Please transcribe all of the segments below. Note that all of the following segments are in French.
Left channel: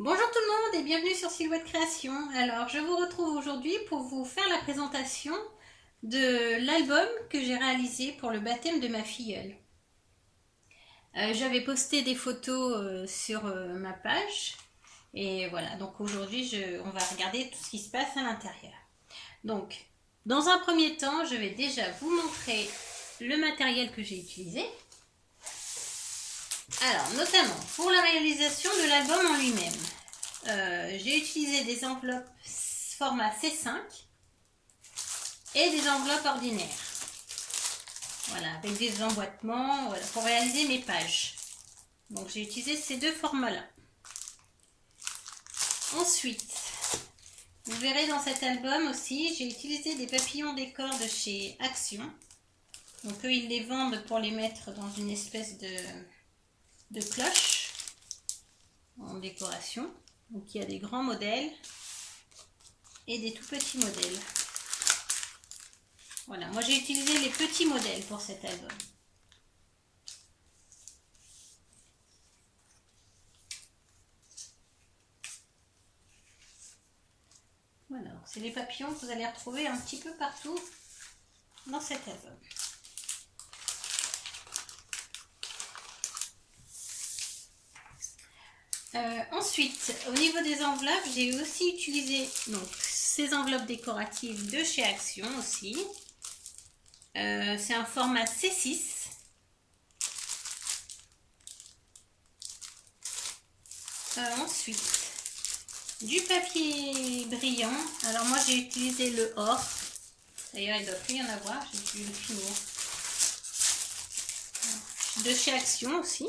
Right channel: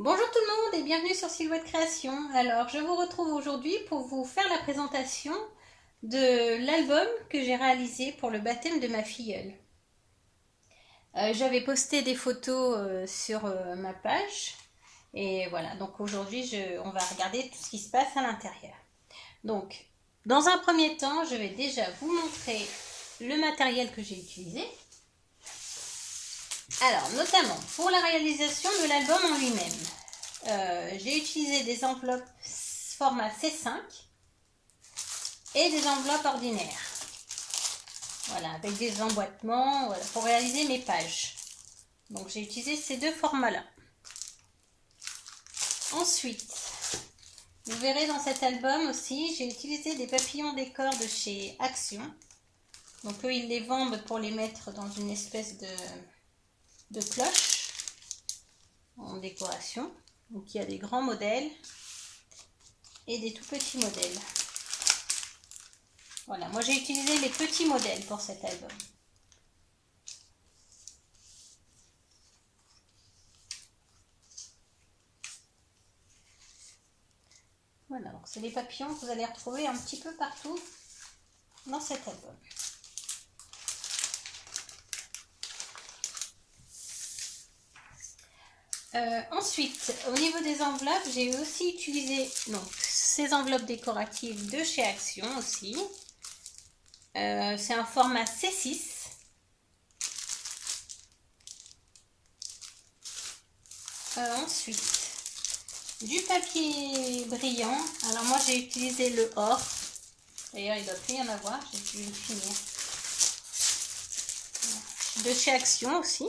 Bonjour tout le monde et bienvenue sur Silhouette Création. Alors, je vous retrouve aujourd'hui pour vous faire la présentation de l'album que j'ai réalisé pour le baptême de ma filleule. J'avais posté des photos sur ma page et voilà, donc aujourd'hui on va regarder tout ce qui se passe à l'intérieur. Donc, dans un premier temps, je vais déjà vous montrer le matériel que j'ai utilisé. Alors, notamment pour la réalisation de l'album en lui-même. J'ai utilisé des enveloppes format C5 et des enveloppes ordinaires. Voilà, avec des emboîtements voilà, pour réaliser mes pages. Donc j'ai utilisé ces deux formats-là. Ensuite, vous verrez dans cet album aussi, j'ai utilisé des papillons décor de chez Action. Donc eux, ils les vendent pour les mettre dans une espèce de cloche en décoration. Donc il y a des grands modèles et des tout petits modèles. Voilà, moi j'ai utilisé les petits modèles pour cet album. Voilà, donc c'est les papillons que vous allez retrouver un petit peu partout dans cet album. Ensuite, au niveau des enveloppes, j'ai aussi utilisé donc, ces enveloppes décoratives de chez Action aussi. C'est un format C6. Ensuite, du papier brillant. Alors moi j'ai utilisé le or. D'ailleurs il ne doit plus y en avoir, j'ai dû le finir. De chez Action aussi.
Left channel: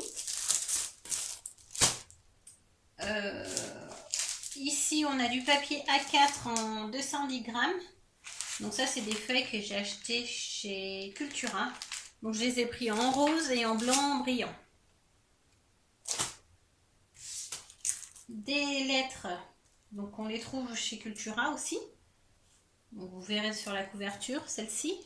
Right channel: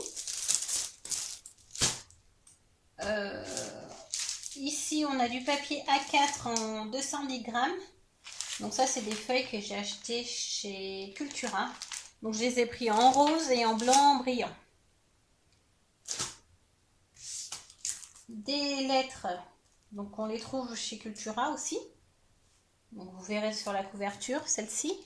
Ici on a du papier A4 en 210 grammes. Donc ça c'est des feuilles que j'ai achetées chez Cultura. Donc je les ai pris en rose et en blanc brillant. Des lettres, donc on les trouve chez Cultura aussi. Donc vous verrez sur la couverture celle-ci.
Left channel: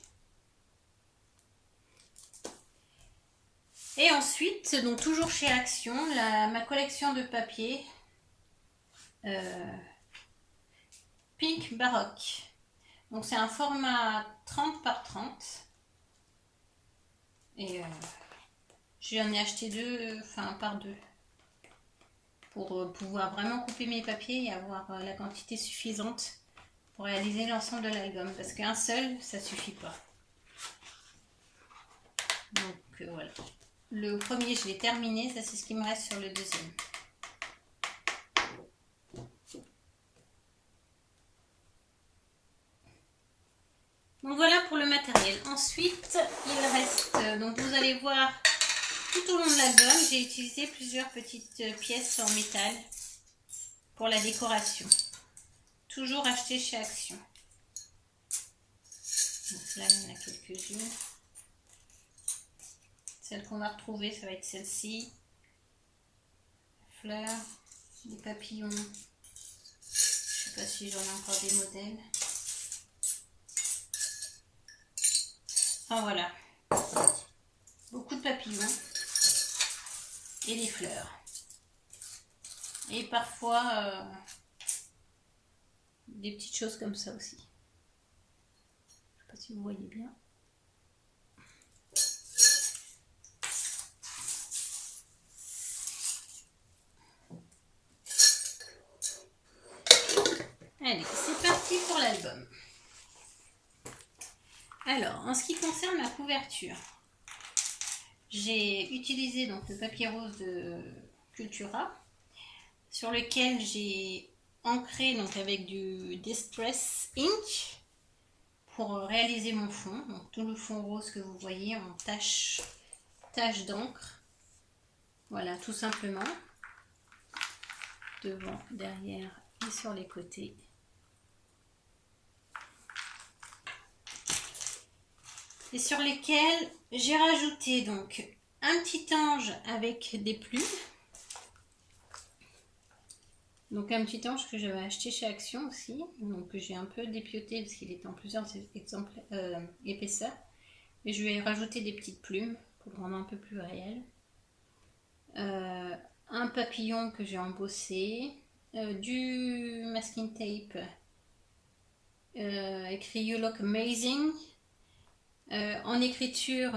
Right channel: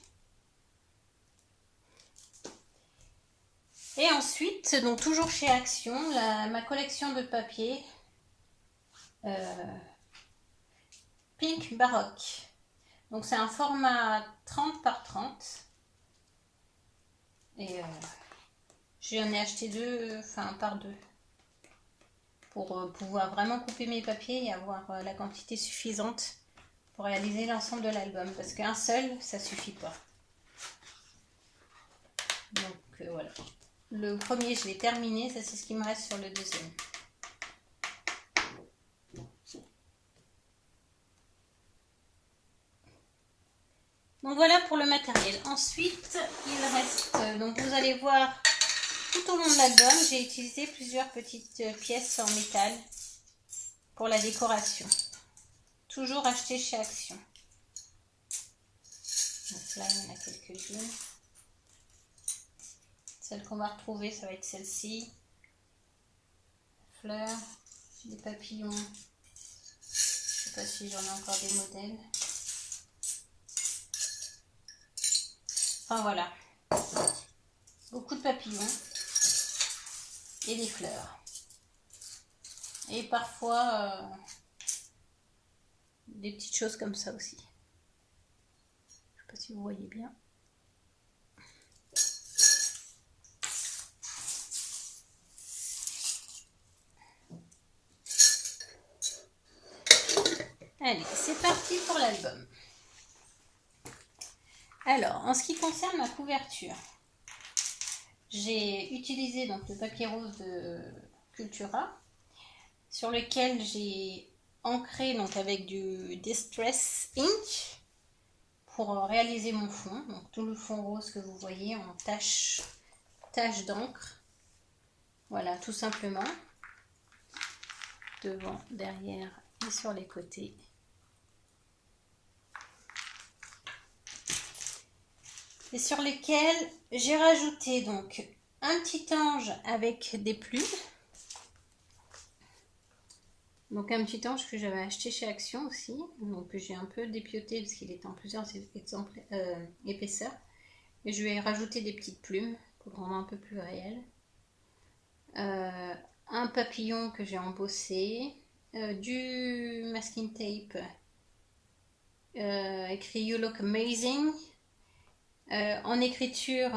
Et ensuite, donc toujours chez Action, ma collection de papier Pink Baroque. Donc c'est un format 30 par 30. Et j'en ai acheté deux, enfin par deux. Pour pouvoir vraiment couper mes papiers et avoir la quantité suffisante pour réaliser l'ensemble de l'album. Parce qu'un seul, ça suffit pas. Donc voilà. Le premier, je l'ai terminé. Ça, c'est ce qui me reste sur le deuxième. Donc voilà pour le matériel. Ensuite, il reste, donc vous allez voir tout au long de l'album, j'ai utilisé plusieurs petites pièces en métal pour la décoration. Toujours acheté chez Action. Donc là, il y en a quelques-unes. Celle qu'on va retrouver, ça va être celle-ci. Fleurs, des papillons. Je ne sais pas si j'en ai encore des modèles. Enfin voilà. Beaucoup de papillons. Et des fleurs. Et parfois des petites choses comme ça aussi. Je ne sais pas si vous voyez bien. Allez, c'est parti pour l'album. Alors, en ce qui concerne ma couverture, j'ai utilisé donc le papier rose de Cultura, sur lequel j'ai ancré donc avec du Distress Ink pour réaliser mon fond. Donc tout le fond rose que vous voyez en tache d'encre. Voilà, tout simplement. Devant, derrière et sur les côtés. Et sur lesquels j'ai rajouté donc un petit ange avec des plumes. Donc un petit ange que j'avais acheté chez Action aussi, donc j'ai un peu dépioté parce qu'il est en plusieurs épaisseurs. Et je vais rajouter des petites plumes pour le rendre un peu plus réel. Un papillon que j'ai embossé, du masking tape écrit You look amazing. En écriture,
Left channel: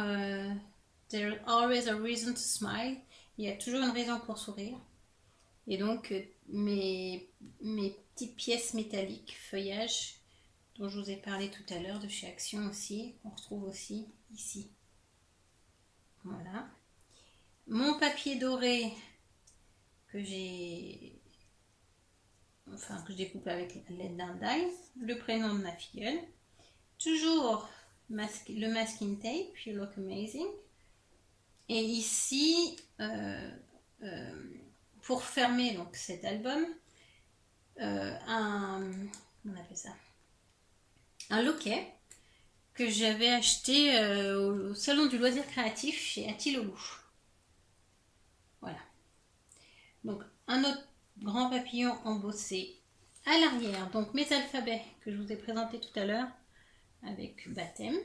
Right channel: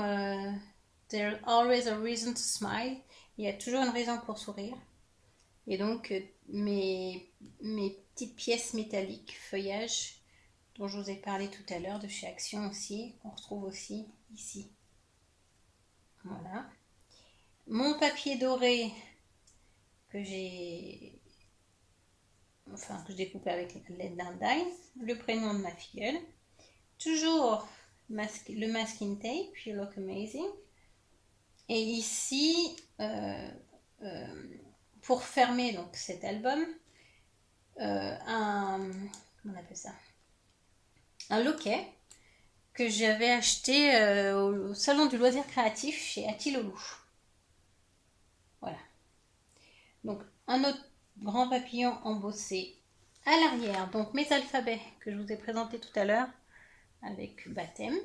There's always a reason to smile. Il y a toujours une raison pour sourire. Et donc, mes petites pièces métalliques, feuillage, dont je vous ai parlé tout à l'heure, de chez Action aussi, on retrouve aussi ici. Voilà. Mon papier doré que j'ai coupé avec l'aide d'un die, le prénom de ma filleule. Toujours le masking tape, You look amazing. Et ici, pour fermer donc cet album, comment on appelle ça, un loquet que j'avais acheté au salon du loisir créatif chez Atilolou. Voilà. Donc un autre grand papillon embossé à l'arrière, donc mes alphabets que je vous ai présentés tout à l'heure avec baptême.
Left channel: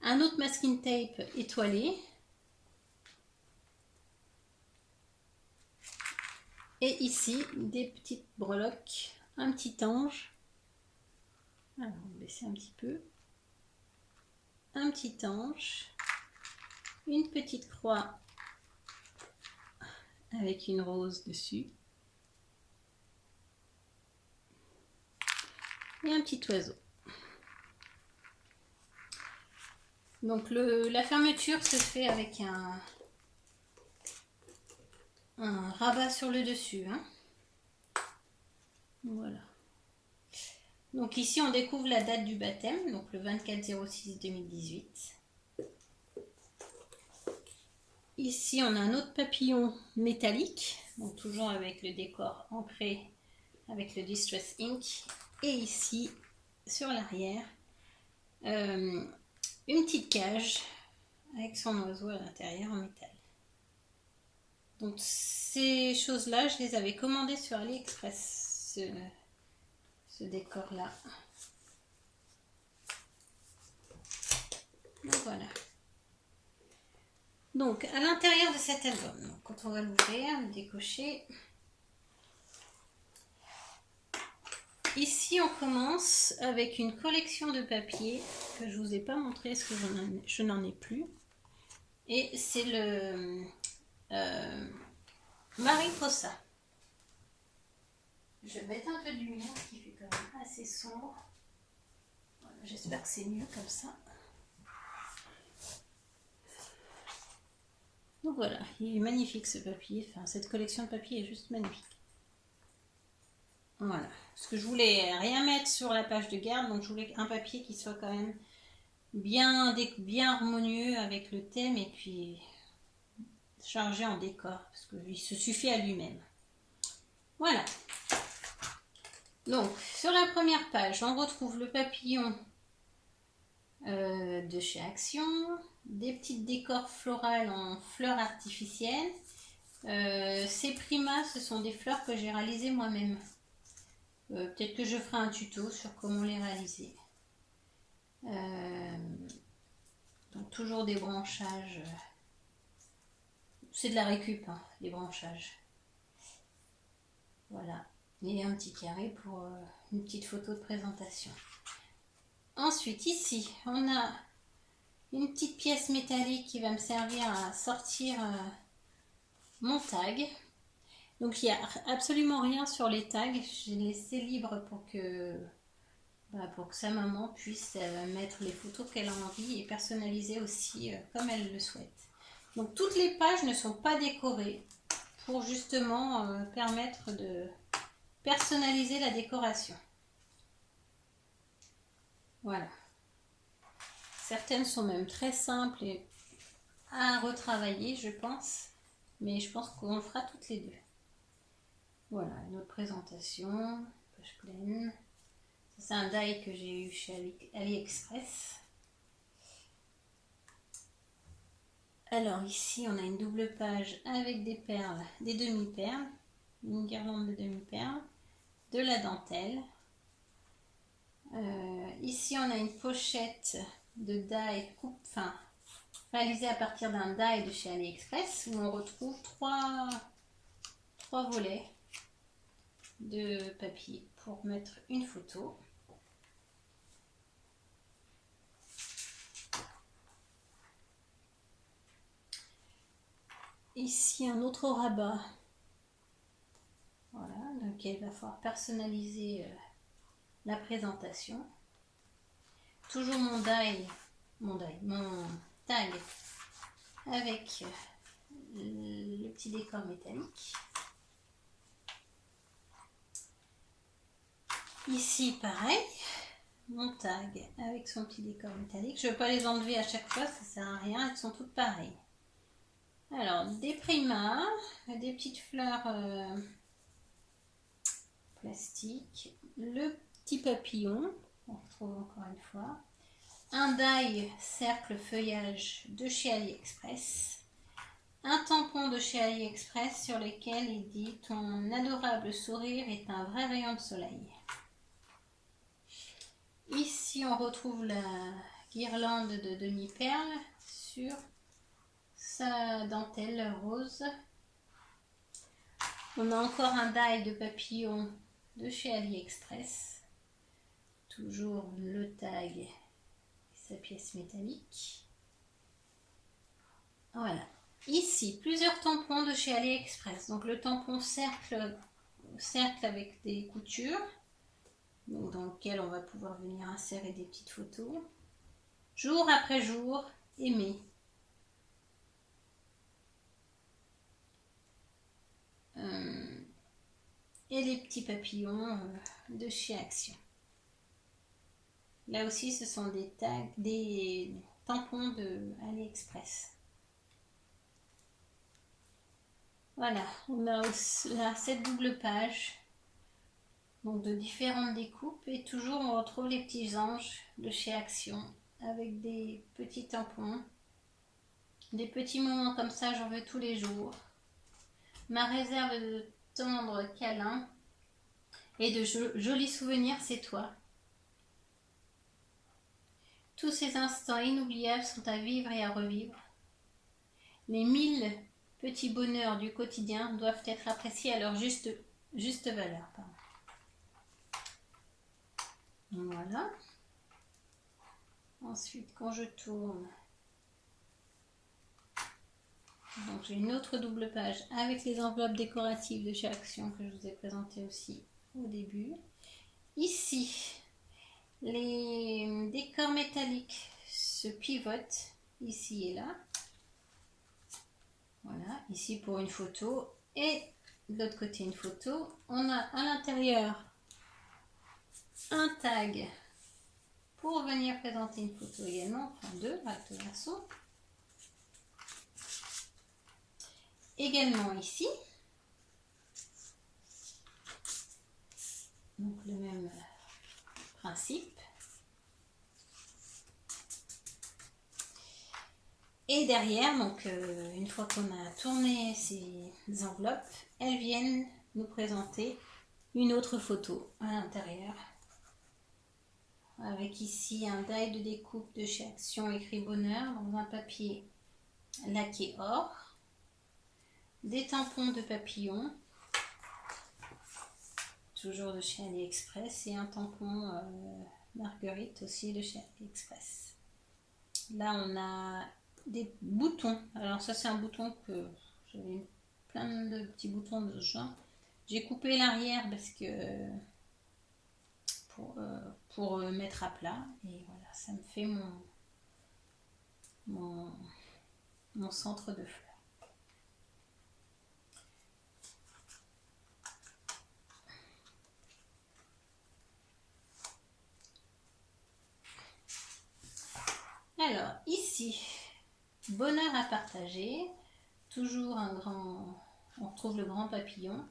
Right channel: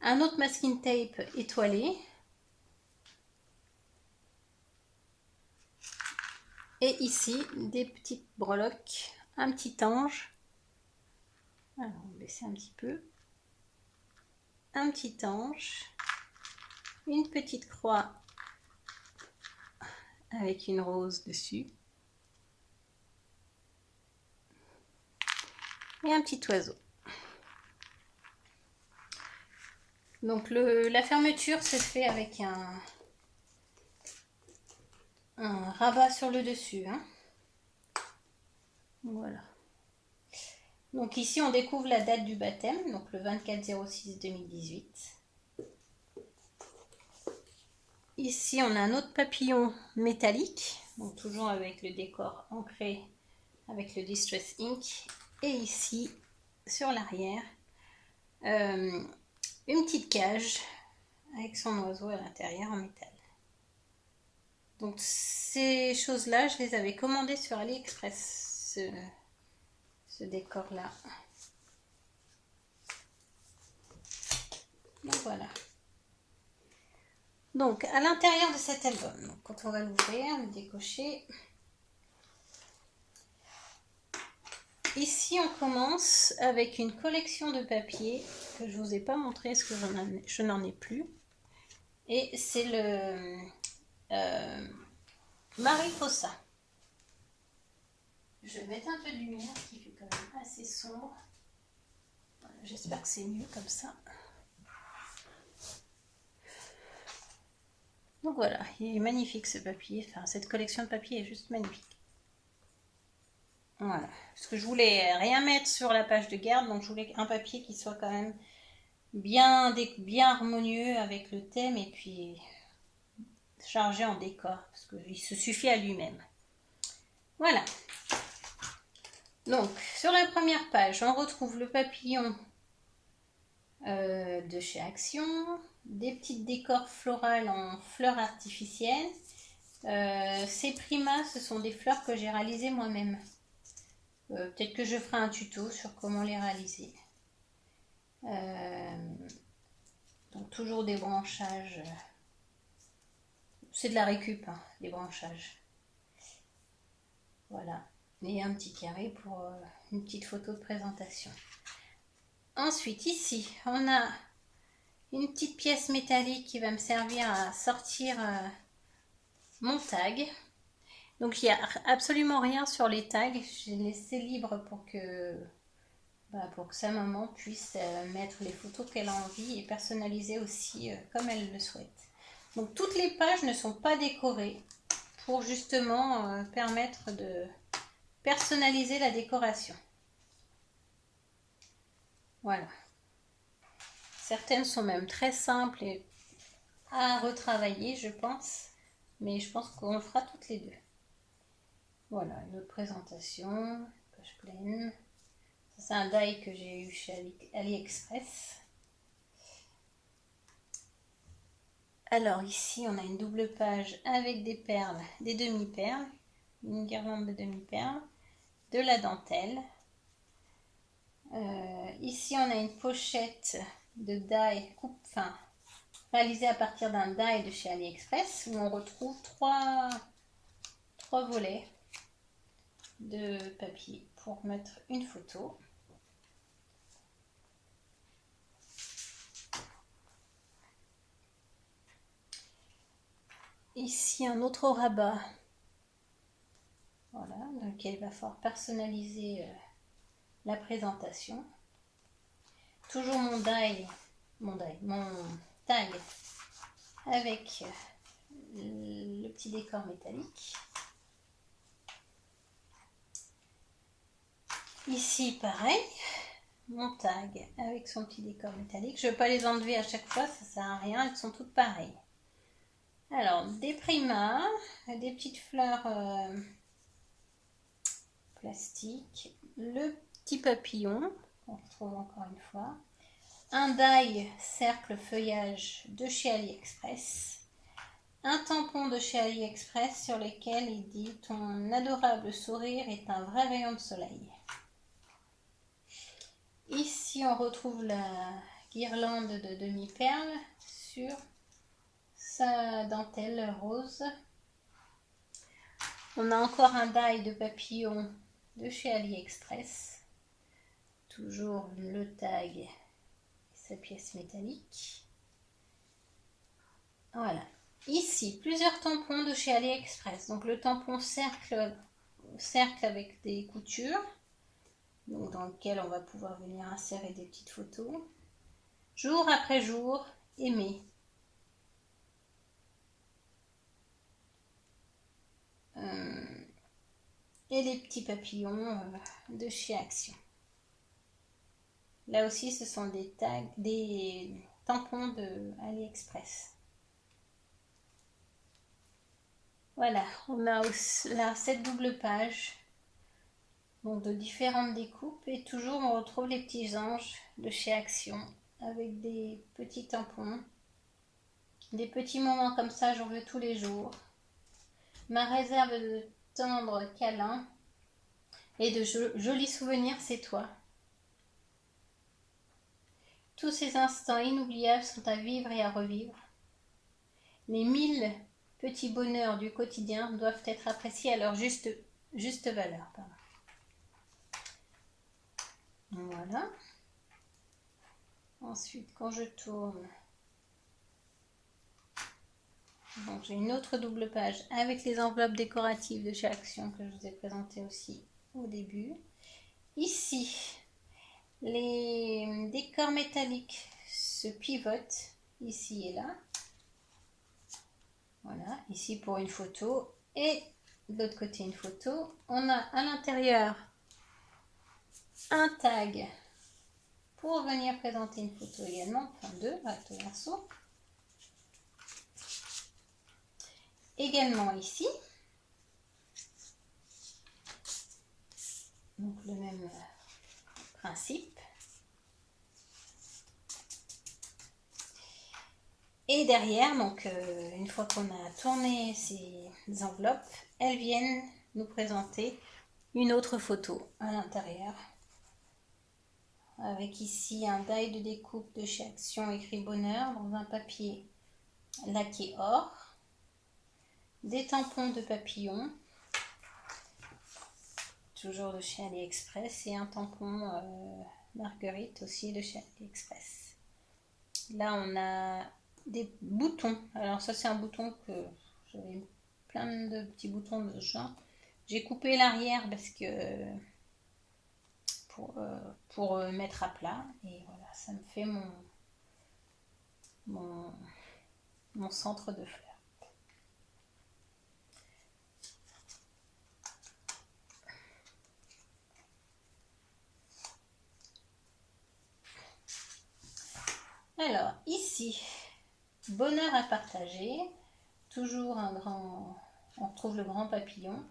Un autre masking tape étoilé. Et ici, des petites breloques, un petit ange. Alors, on va baisser un petit peu. Un petit ange. Une petite croix avec une rose dessus. Et un petit oiseau. Donc, la fermeture s'est fait avec un rabat sur le dessus. Hein. Voilà. Donc ici, on découvre la date du baptême, donc le 24/06/2018. Ici, on a un autre papillon métallique, donc toujours avec le décor ancré avec le Distress Ink. Et ici, sur l'arrière, une petite cage avec son oiseau à l'intérieur en métal. Donc ces choses-là, je les avais commandées sur AliExpress, ce décor-là. Donc voilà. Donc à l'intérieur de cet album, donc, quand on va l'ouvrir, le décocher. Ici on commence avec une collection de papiers que je ne vous ai pas montré parce que je n'en ai plus. Et c'est le Mariposa. Je vais mettre un peu de lumière qui fait quand même assez sombre. J'espère que c'est mieux comme ça. Donc voilà, il est magnifique ce papier. Enfin, cette collection de papier est juste magnifique. Voilà. Parce que je voulais rien mettre sur la page de garde, donc je voulais un papier qui soit quand même bien harmonieux avec le thème et puis chargé en décor, parce qu'il se suffit à lui-même. Voilà. Donc, sur la première page, on retrouve le papillon de chez Action, des petites décors florales en fleurs artificielles. Ces primas, ce sont des fleurs que j'ai réalisées moi-même. Peut-être que je ferai un tuto sur comment les réaliser. Donc toujours des branchages. C'est de la récup, hein, les branchages. Voilà. Et un petit carré pour une petite photo de présentation. Ensuite, ici, on a une petite pièce métallique qui va me servir à sortir mon tag. Donc, il n'y a absolument rien sur les tags. J'ai laissé libre pour que sa maman puisse mettre les photos qu'elle a envie et personnaliser aussi comme elle le souhaite. Donc, toutes les pages ne sont pas décorées pour justement permettre de personnaliser la décoration. Voilà. Certaines sont même très simples et à retravailler, je pense. Mais je pense qu'on le fera toutes les deux. Voilà, une autre présentation, page pleine. C'est un die que j'ai eu chez AliExpress. Alors ici, on a une double page avec des perles, des demi-perles, une guirlande de demi-perles, de la dentelle. Ici, on a une pochette de die coupe-fin réalisée à partir d'un die de chez AliExpress où on retrouve trois volets. de papier pour mettre une photo. Ici un autre rabat, voilà, dans lequel il va falloir personnaliser la présentation. Toujours mon tag avec le petit décor métallique. Ici pareil, mon tag avec son petit décor métallique. Je ne vais pas les enlever à chaque fois, ça sert à rien, elles sont toutes pareilles. Alors, des primas, des petites fleurs plastiques, le petit papillon, on retrouve encore une fois, un die cercle feuillage de chez AliExpress, un tampon de chez AliExpress sur lequel il dit « Ton adorable sourire est un vrai rayon de soleil ». Ici, on retrouve la guirlande de demi-perles sur sa dentelle rose. On a encore un die de papillon de chez AliExpress. Toujours le tag et sa pièce métallique. Voilà. Ici, plusieurs tampons de chez AliExpress. Donc le tampon cercle avec des coutures, donc dans lequel on va pouvoir venir insérer des petites photos. Jour après jour, aimer. Et les petits papillons de chez Action. Là aussi, ce sont des tags, des tampons de AliExpress. Voilà, on a là cette double page, donc de différentes découpes, et toujours on retrouve les petits anges de chez Action avec des petits tampons, des petits moments comme ça, j'en veux tous les jours. Ma réserve de tendres câlins et de jolis souvenirs, c'est toi. Tous ces instants inoubliables sont à vivre et à revivre. Les 1000 petits bonheurs du quotidien doivent être appréciés à leur juste valeur. Pardon. Voilà. Ensuite, quand je tourne, donc j'ai une autre double page avec les enveloppes décoratives de chez Action que je vous ai présentées aussi au début. Ici, les décors métalliques se pivotent ici et là. Voilà, ici pour une photo et de l'autre côté une photo. On a à l'intérieur un tag pour venir présenter une photo également, enfin deux, recto verso. Également ici, donc le même principe. Et derrière, donc une fois qu'on a tourné ces enveloppes, elles viennent nous présenter une autre photo à l'intérieur. Avec ici un die de découpe de chez Action écrit Bonheur dans un papier laqué or. Des tampons de papillon, toujours de chez AliExpress, et un tampon Marguerite aussi de chez AliExpress. Là on a des boutons, alors ça c'est un bouton que j'avais plein de petits boutons de ce genre. J'ai coupé l'arrière parce que pour mettre à plat, et voilà, ça me fait mon centre de fleurs. Alors ici, bonheur à partager, toujours on retrouve le grand papillon,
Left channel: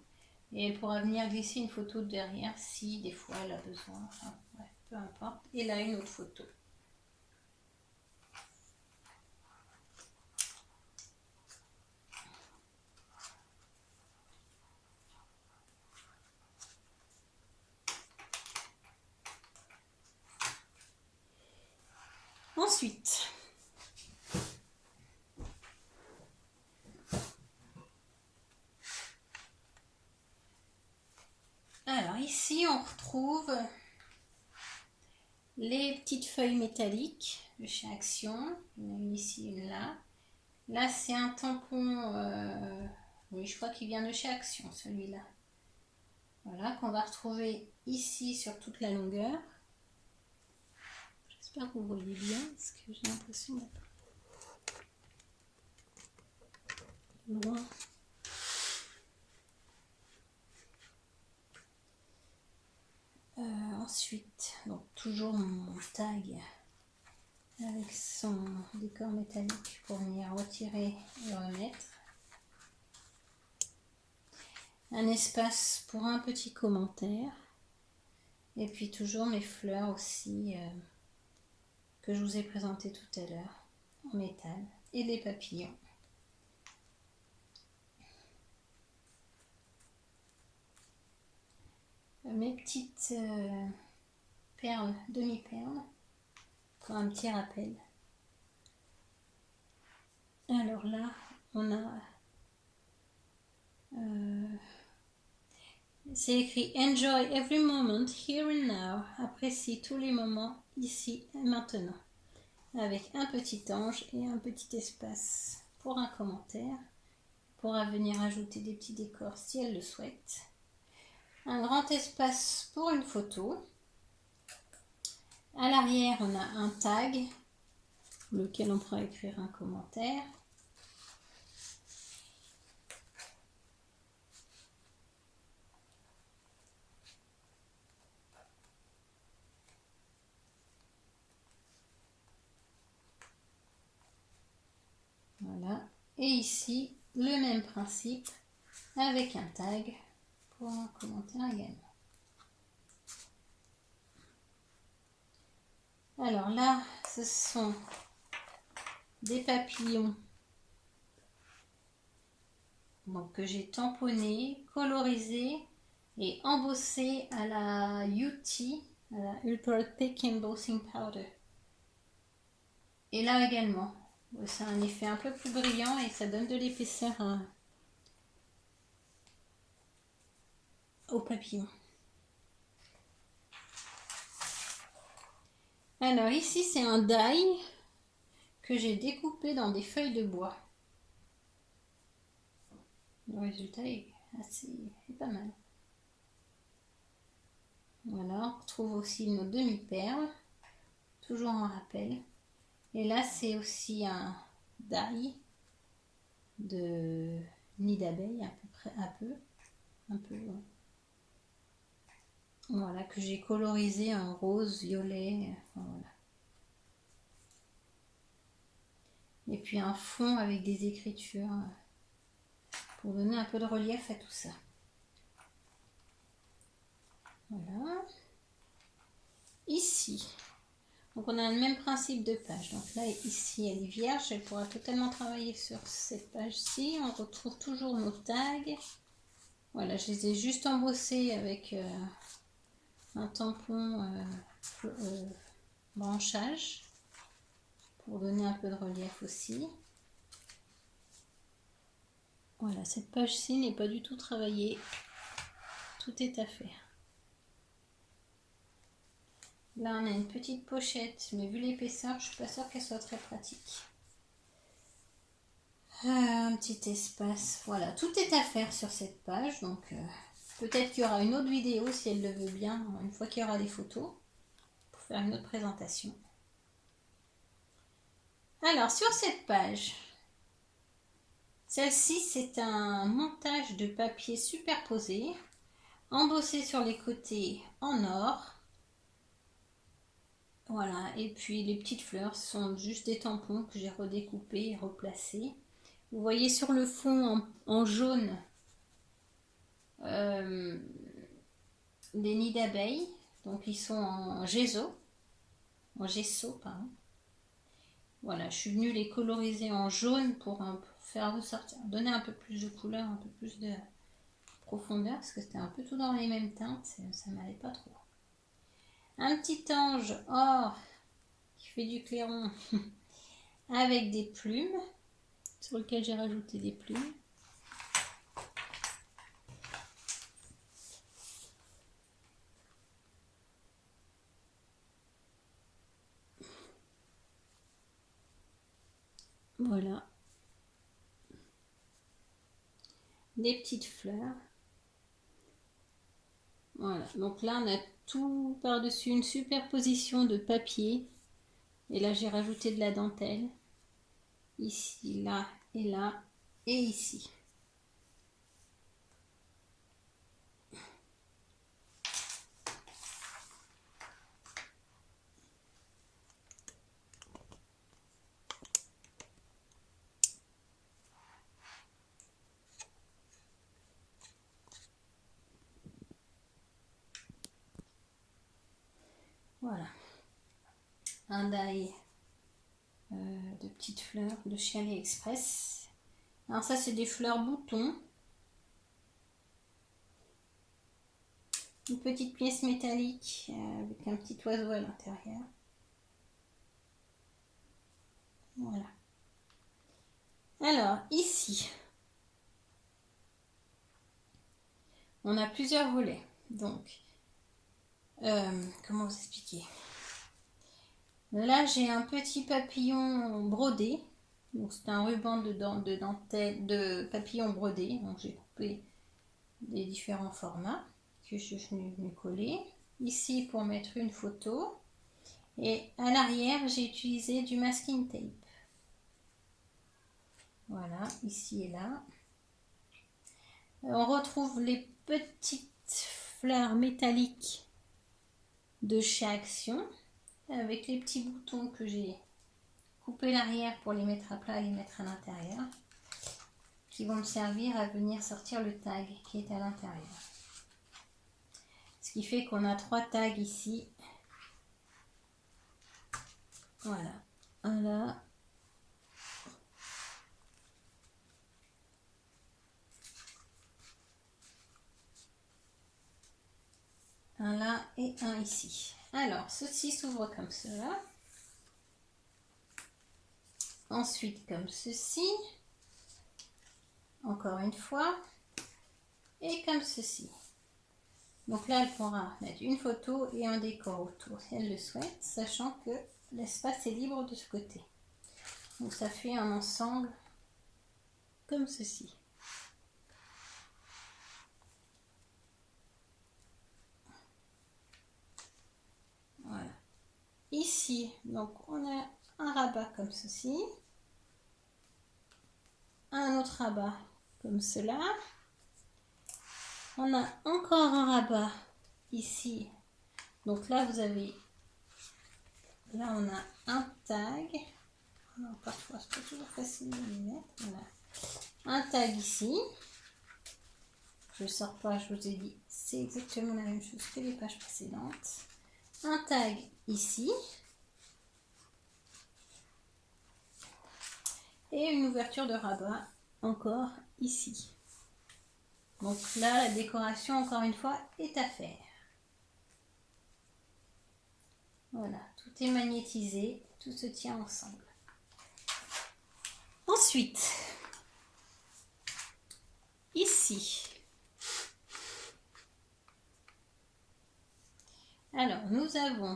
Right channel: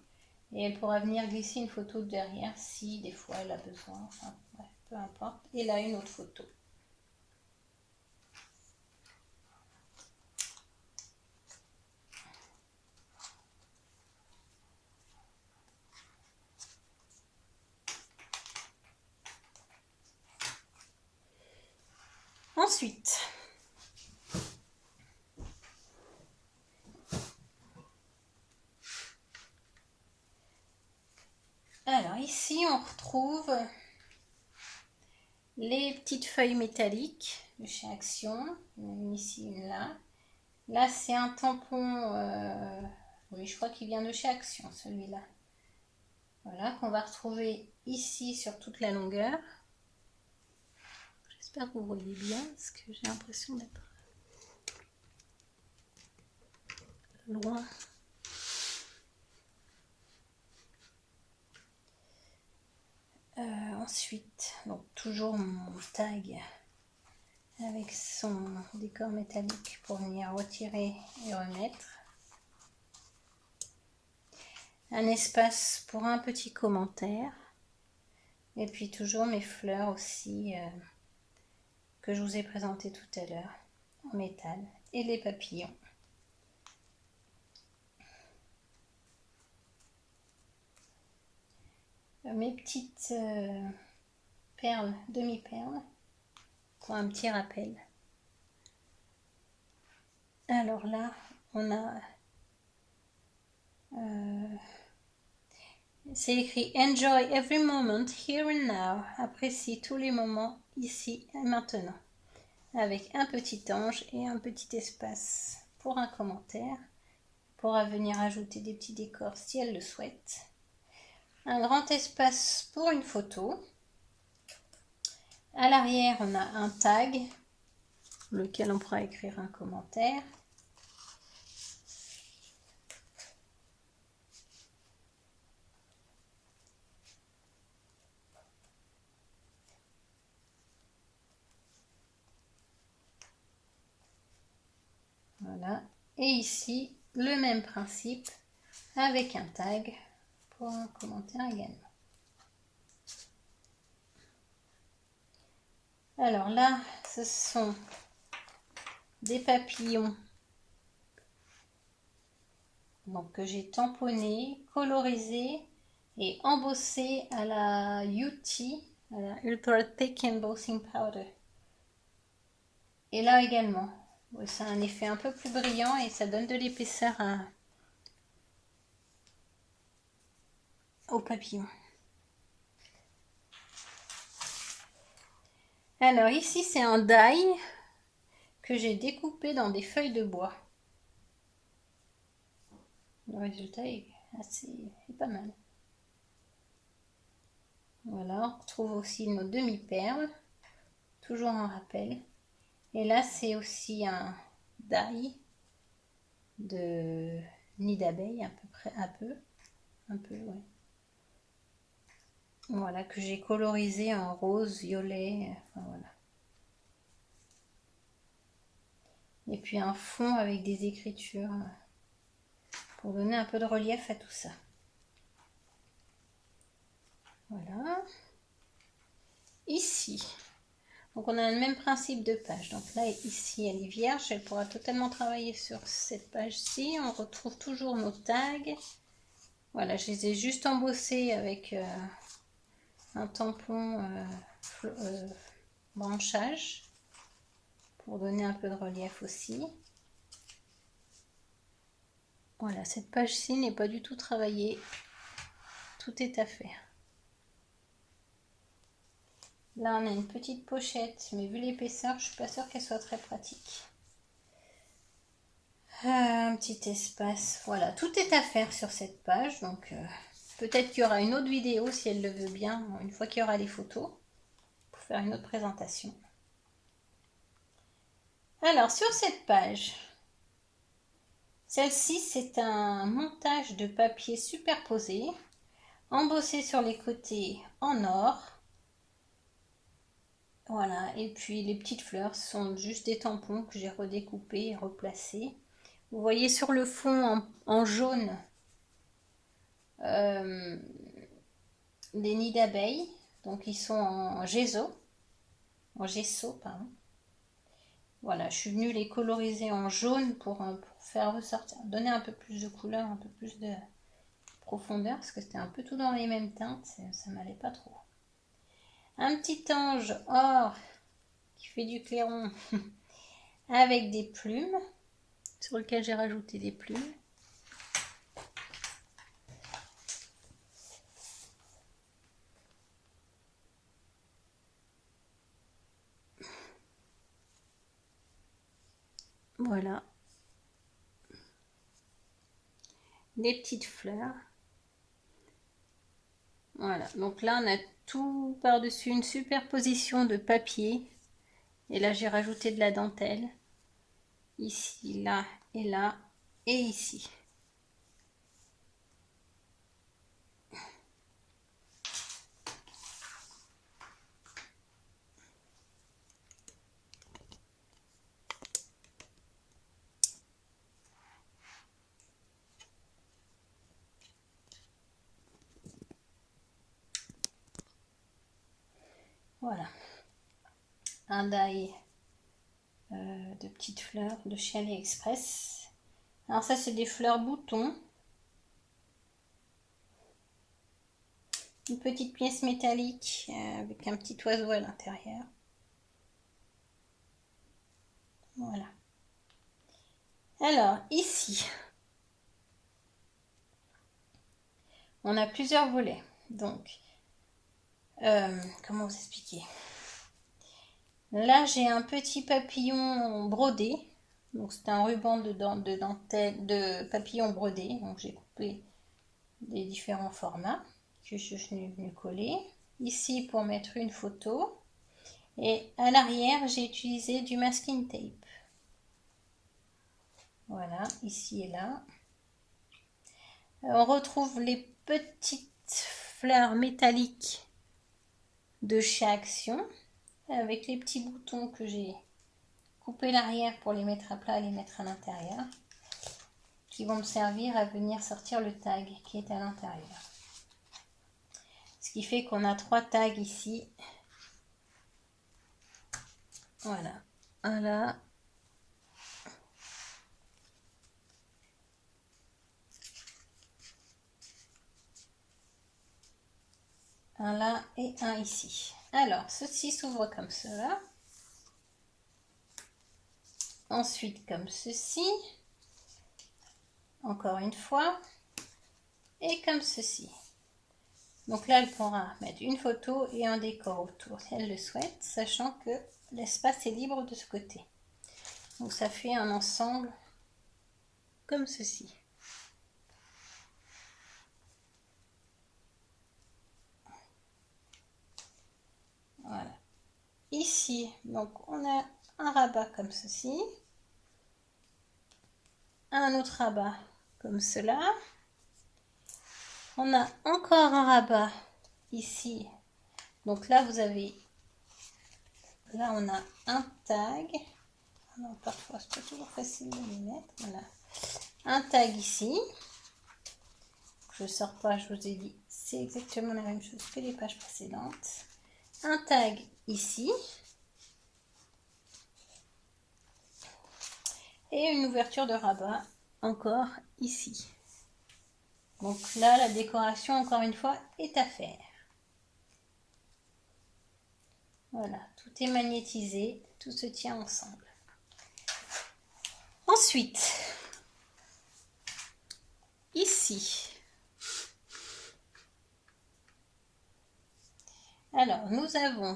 et elle pourra venir glisser une photo derrière si des fois elle a besoin, enfin bref, peu importe. Et là une autre photo. Ensuite, ici, on retrouve les petites feuilles métalliques de chez Action. Il y en a une ici, une là. Là, c'est un tampon, oui, je crois qu'il vient de chez Action, celui-là. Voilà, qu'on va retrouver ici sur toute la longueur. J'espère que vous voyez bien, parce que j'ai l'impression d'être loin. Ensuite, donc toujours mon tag avec son décor métallique pour venir retirer et remettre. Un espace pour un petit commentaire. Et puis toujours mes fleurs aussi que je vous ai présentées tout à l'heure en métal. Et les papillons. Mes petites perles, demi-perles, pour un petit rappel. Alors là, on a... c'est écrit « Enjoy every moment, here and now ». Apprécie tous les moments, ici et maintenant. Avec un petit ange et un petit espace pour un commentaire. On pourra venir ajouter des petits décors si elle le souhaite. Un grand espace pour une photo. À l'arrière, on a un tag, lequel on pourra écrire un commentaire. Voilà. Et ici, le même principe avec un tag pour un commentaire également. Alors là, ce sont des papillons donc, que j'ai tamponnés, colorisés et embossés à la UT, à la Ultra Thick Embossing Powder. Et là également, c'est un effet un peu plus brillant et ça donne de l'épaisseur au papillon. Alors ici c'est un die que j'ai découpé dans des feuilles de bois. Le résultat est pas mal. Voilà, on retrouve aussi nos demi-perles, toujours en rappel. Et là c'est aussi un die de nid d'abeille, à peu près, un peu, ouais. Voilà, que j'ai colorisé en rose, violet, enfin, voilà. Et puis un fond avec des écritures pour donner un peu de relief à tout ça. Voilà. Ici, donc on a le même principe de page. Donc là, ici, elle est vierge. Elle pourra totalement travailler sur cette page-ci. On retrouve toujours nos tags. Voilà, je les ai juste embossés avec un tampon branchage pour donner un peu de relief aussi. Voilà, cette page-ci n'est pas du tout travaillée. Tout est à faire. Là, on a une petite pochette, mais vu l'épaisseur, je ne suis pas sûre qu'elle soit très pratique. Un petit espace. Voilà, tout est à faire sur cette page. Donc, peut-être qu'il y aura une autre vidéo, si elle le veut bien, une fois qu'il y aura les photos, pour faire une autre présentation. Alors, sur cette page, celle-ci, c'est un montage de papier superposé, embossé sur les côtés en or. Voilà, et puis les petites fleurs sont juste des tampons que j'ai redécoupés et replacés. Vous voyez sur le fond en jaune des nids d'abeilles, donc ils sont en gesso, pardon. Voilà, je suis venue les coloriser en jaune pour faire ressortir, donner un peu plus de couleur, un peu plus de profondeur, parce que c'était un peu tout dans les mêmes teintes, ça m'allait pas trop. Un petit ange or qui fait du clairon avec des plumes, sur lequel j'ai rajouté des plumes. Voilà. Des petites fleurs. Voilà, donc là on a tout par-dessus une superposition de papier. Et là j'ai rajouté de la dentelle. Ici, là et ici. Voilà. Un die de petites fleurs de chez AliExpress. Alors ça c'est des fleurs boutons. Une petite pièce métallique avec un petit oiseau à l'intérieur. Voilà. Alors ici, on a plusieurs volets. Donc, comment vous expliquer? Là, j'ai un petit papillon brodé. Donc, c'est un ruban de dentelle, de papillon brodé. Donc, j'ai coupé des différents formats que je suis venue coller. Ici, pour mettre une photo. Et à l'arrière, j'ai utilisé du masking tape. Voilà, ici et là. On retrouve les petites fleurs métalliques de chez Action avec les petits boutons que j'ai coupé l'arrière pour les mettre à plat et les mettre à l'intérieur, qui vont me servir à venir sortir le tag qui est à l'intérieur. Ce qui fait qu'on a 3 tags ici. Voilà. Un là. Un là et un ici. Alors, ceci s'ouvre comme cela. Ensuite, comme ceci. Encore une fois. Et comme ceci. Donc là, elle pourra mettre une photo et un décor autour si elle le souhaite, sachant que l'espace est libre de ce côté. Donc ça fait un ensemble comme ceci. Voilà. Ici, donc on a un rabat comme ceci. Un autre rabat comme cela. On a encore un rabat ici. Donc là, vous avez... Là, on a un tag. Alors, parfois, c'est pas toujours facile de les mettre. Voilà. Un tag ici. Je ne sors pas, je vous ai dit, c'est exactement la même chose que les pages précédentes. Un tag ici. Et une ouverture de rabat encore ici. Donc là, la décoration, encore une fois, est à faire. Voilà, tout est magnétisé, tout se tient ensemble. Ensuite, ici, alors nous avons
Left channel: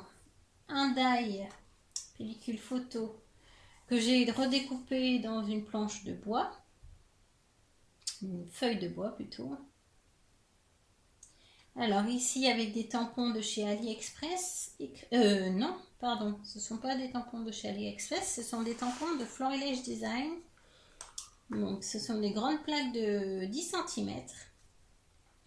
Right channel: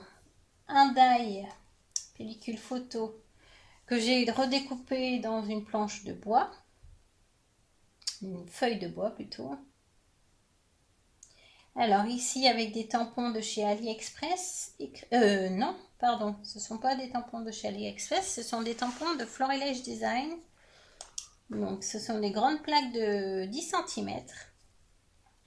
un die pellicule photo que j'ai redécoupé dans une planche de bois, une feuille de bois plutôt. Alors ici avec des tampons de chez AliExpress, non, pardon, ce ne sont pas des tampons de chez AliExpress, ce sont des tampons de Florilège Design. Donc ce sont des grandes plaques de 10 cm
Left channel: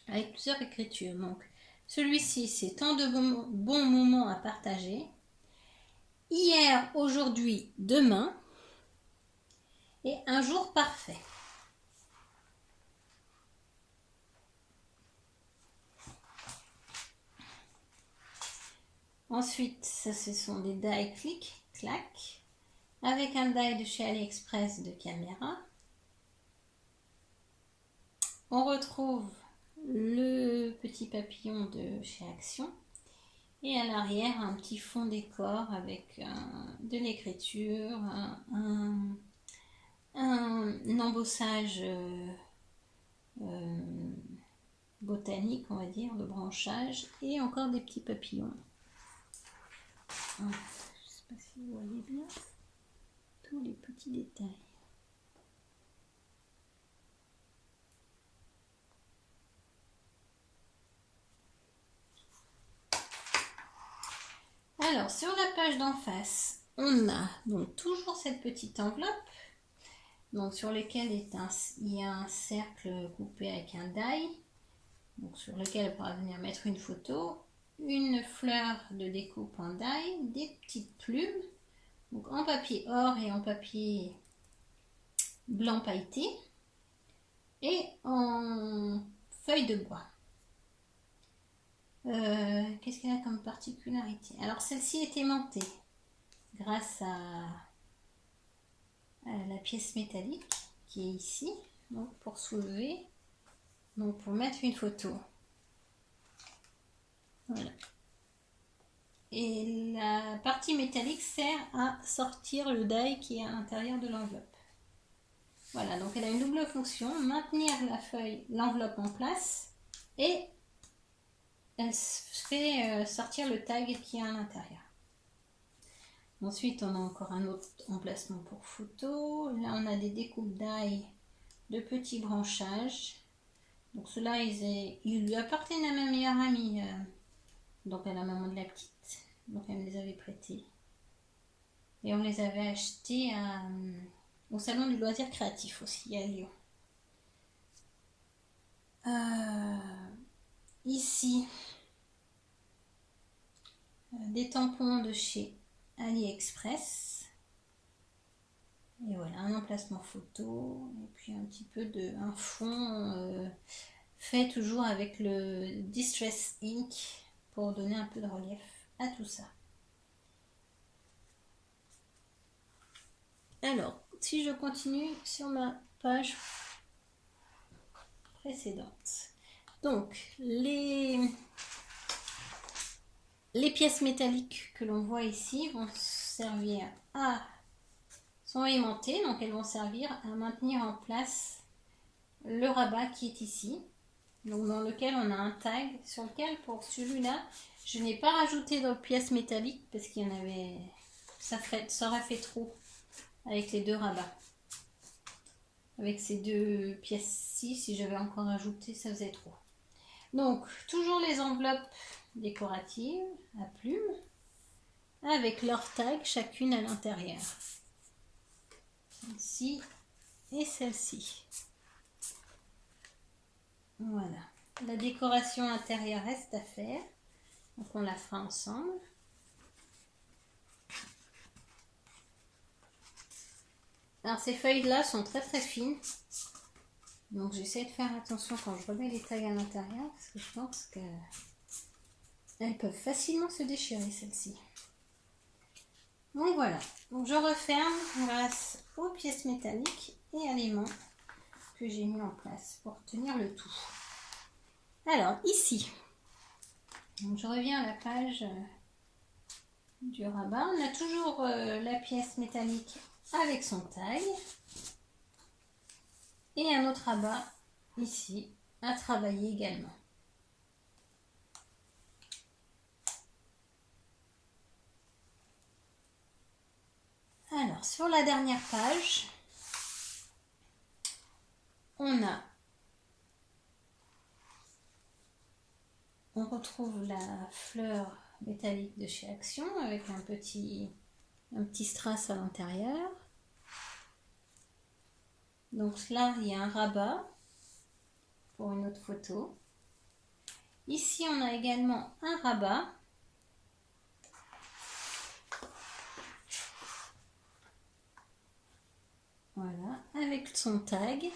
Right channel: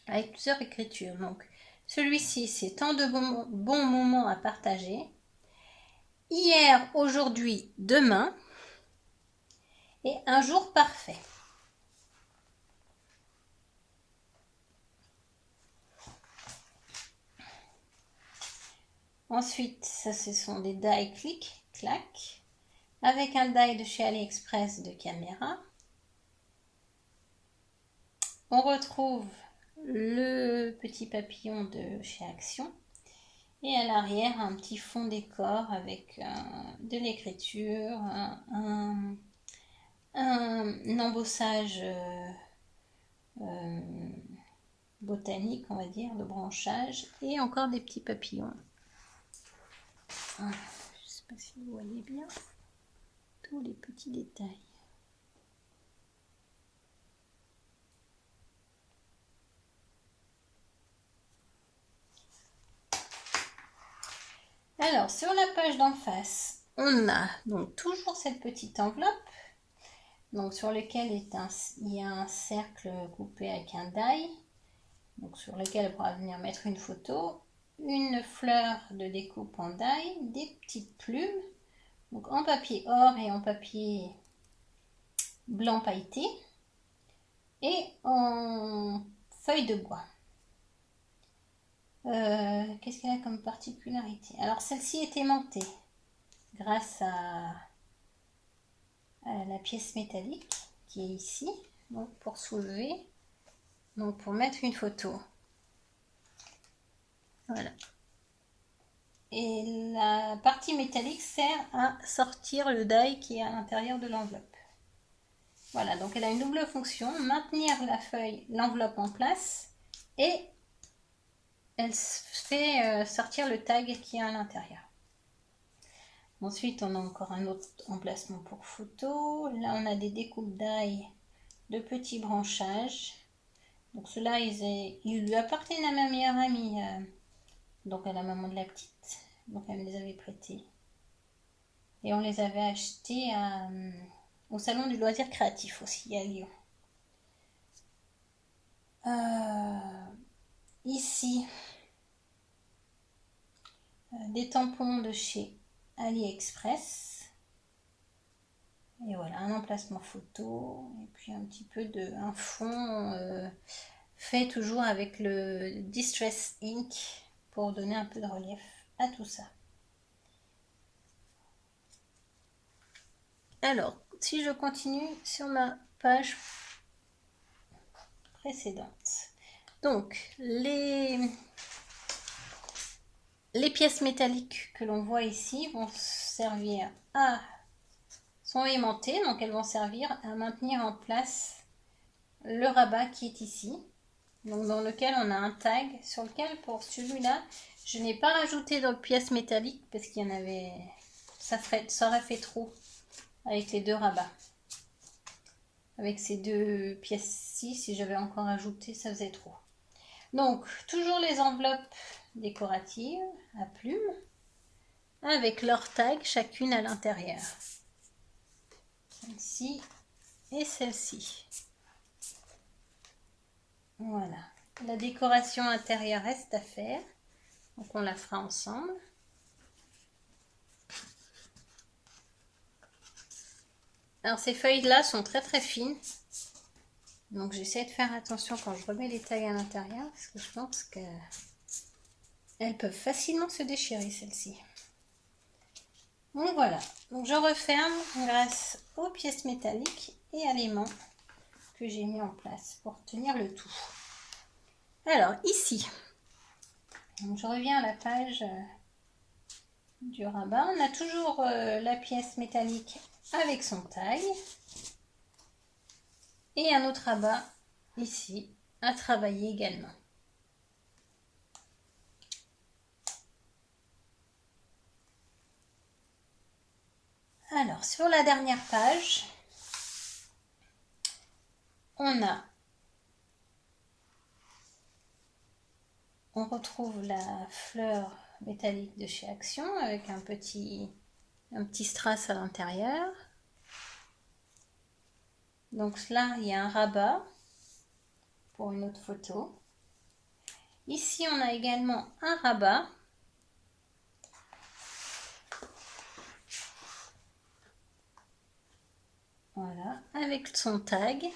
avec plusieurs écritures. Donc celui-ci c'est tant de bons moments à partager. Hier, aujourd'hui, demain et un jour parfait. Ensuite, ça ce sont des die clic, clac, avec un die de chez AliExpress de caméra. On retrouve le petit papillon de chez Action. Et à l'arrière, un petit fond décor avec de l'écriture, un embossage botanique, on va dire, de branchage, et encore des petits papillons. Voilà. Je ne sais pas si vous voyez bien tous les petits détails. Alors, sur la page d'en face, on a donc toujours cette petite enveloppe, donc sur lequel il y a un cercle coupé avec un die, donc sur lequel elle pourra venir mettre une photo, une fleur de découpe en die, des petites plumes, donc en papier or et en papier blanc pailleté, et en feuille de bois. Qu'est-ce qu'elle a comme particularité? Alors celle-ci est aimantée grâce à la pièce métallique qui est ici, donc pour soulever, donc pour mettre une photo. Voilà. Et la partie métallique sert à sortir le die qui est à l'intérieur de l'enveloppe. Voilà, donc elle a une double fonction, maintenir l'enveloppe en place, et elle fait sortir le tag qui est à l'intérieur. Ensuite, on a encore un autre emplacement pour photo. Là, on a des découpes d'ail de petits branchages. Donc ceux-là, ils lui appartiennent à ma meilleure amie, donc à la maman de la petite. Donc elle me les avait prêtés. Et on les avait achetés au salon du loisir créatif aussi à Lyon. Ici, des tampons de chez AliExpress. Et voilà, un emplacement photo. Et puis un petit peu un fond fait toujours avec le Distress Ink pour donner un peu de relief à tout ça. Alors, si je continue sur ma page précédente. Donc, les pièces métalliques que l'on voit ici vont servir sont aimantées, donc elles vont servir à maintenir en place le rabat qui est ici, donc dans lequel on a un tag, sur lequel pour celui-là, je n'ai pas rajouté de pièces métalliques parce qu'il y en avait, ça aurait fait trop avec les deux rabats. Avec ces deux pièces-ci, si j'avais encore ajouté, ça faisait trop. Donc, toujours les enveloppes décoratives à plumes, avec leur tag chacune à l'intérieur. Celle-ci et celle-ci. Voilà. La décoration intérieure reste à faire, donc on la fera ensemble. Alors ces feuilles-là sont très très fines, donc j'essaie de faire attention quand je remets les tags à l'intérieur, parce que je pense qu'elles peuvent facilement se déchirer, celles-ci. Donc voilà, donc je referme grâce aux pièces métalliques et à l'aimant que j'ai mis en place pour tenir le tout. Alors ici, donc je reviens à la page du rabat. On a toujours la pièce métallique avec son tag et un autre rabat ici à travailler également. Alors sur la dernière page, on retrouve la fleur métallique de chez Action avec un petit strass à l'intérieur. Donc là, il y a un rabat pour une autre photo. Ici, on a également un rabat. Voilà, avec son tag.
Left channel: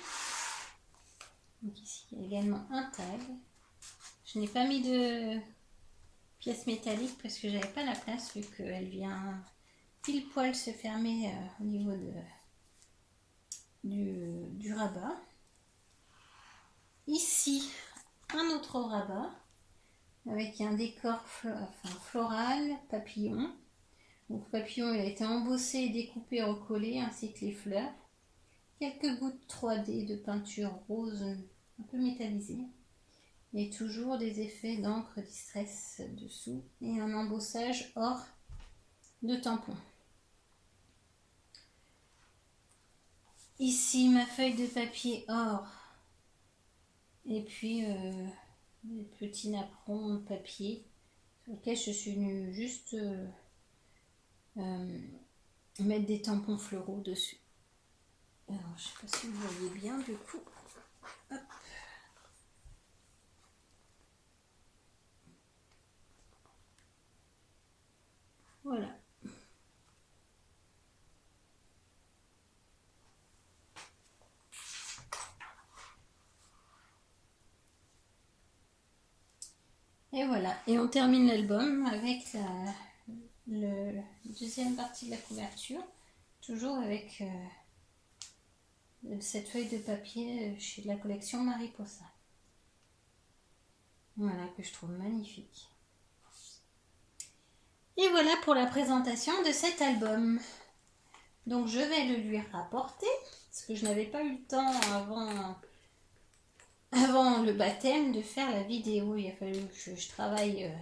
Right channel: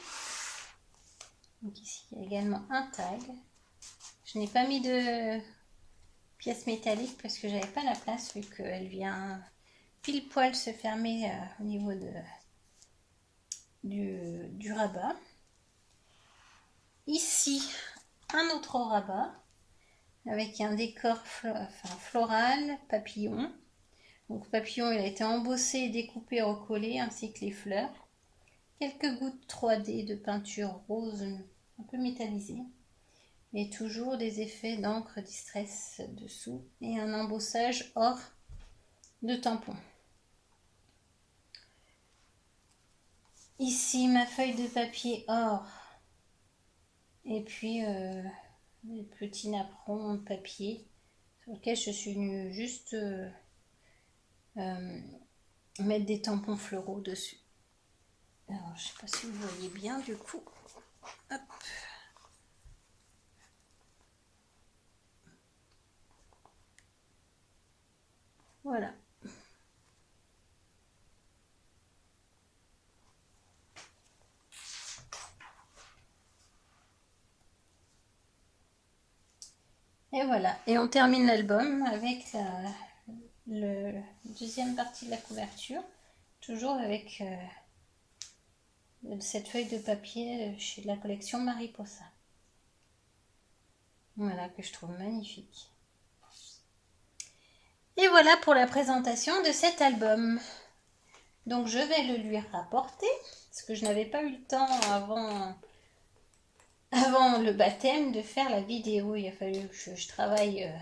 Donc ici, il y a également un tag. Je n'ai pas mis de pièces métalliques parce que j'avais pas la place, vu qu'elle vient pile poil se fermer au niveau du rabat. Ici, un autre rabat avec un décor floral, papillon. Donc papillon, il a été embossé, découpé, recollé, ainsi que les fleurs. Quelques gouttes 3D de peinture rose un peu métallisée. Et toujours des effets d'encre Distress dessous et un embossage or de tampon. Ici, ma feuille de papier or. Et puis, les petits napperons de papier sur lequel je suis venue juste mettre des tampons fleuraux dessus. Alors, je sais pas si vous voyez bien du coup. Hop. Voilà. Et voilà. Et on termine l'album avec la deuxième partie de la couverture. Toujours avec cette feuille de papier chez la collection Mariposa. Voilà, que je trouve magnifique. Et voilà pour la présentation de cet album. Donc je vais le lui rapporter, parce que je n'avais pas eu le temps avant le baptême de faire la vidéo. Il a fallu que je travaille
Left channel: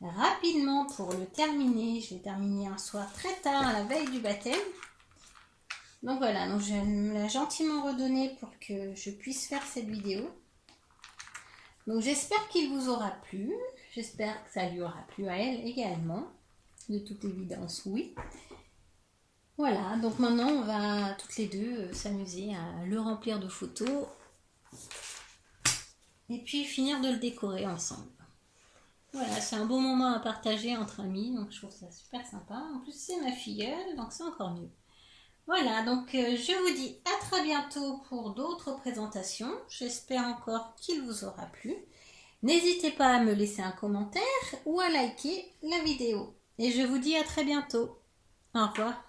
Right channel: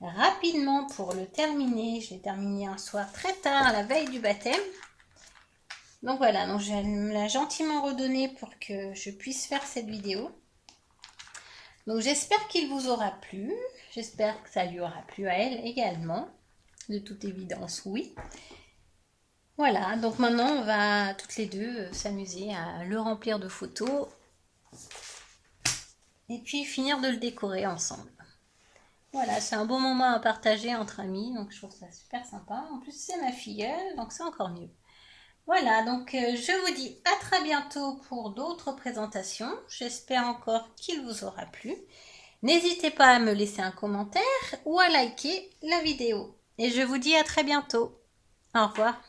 rapidement pour le terminer. Je l'ai terminé un soir très tard, la veille du baptême. Donc voilà, donc je me l'ai gentiment redonné pour que je puisse faire cette vidéo. Donc j'espère qu'il vous aura plu. J'espère que ça lui aura plu à elle également. De toute évidence, oui. Voilà, donc maintenant on va toutes les deux s'amuser à le remplir de photos. Et puis finir de le décorer ensemble. Voilà, c'est un bon moment à partager entre amis. Donc je trouve ça super sympa. En plus c'est ma filleule, donc c'est encore mieux. Voilà, donc je vous dis à très bientôt pour d'autres présentations. J'espère encore qu'il vous aura plu. N'hésitez pas à me laisser un commentaire ou à liker la vidéo. Et je vous dis à très bientôt. Au revoir.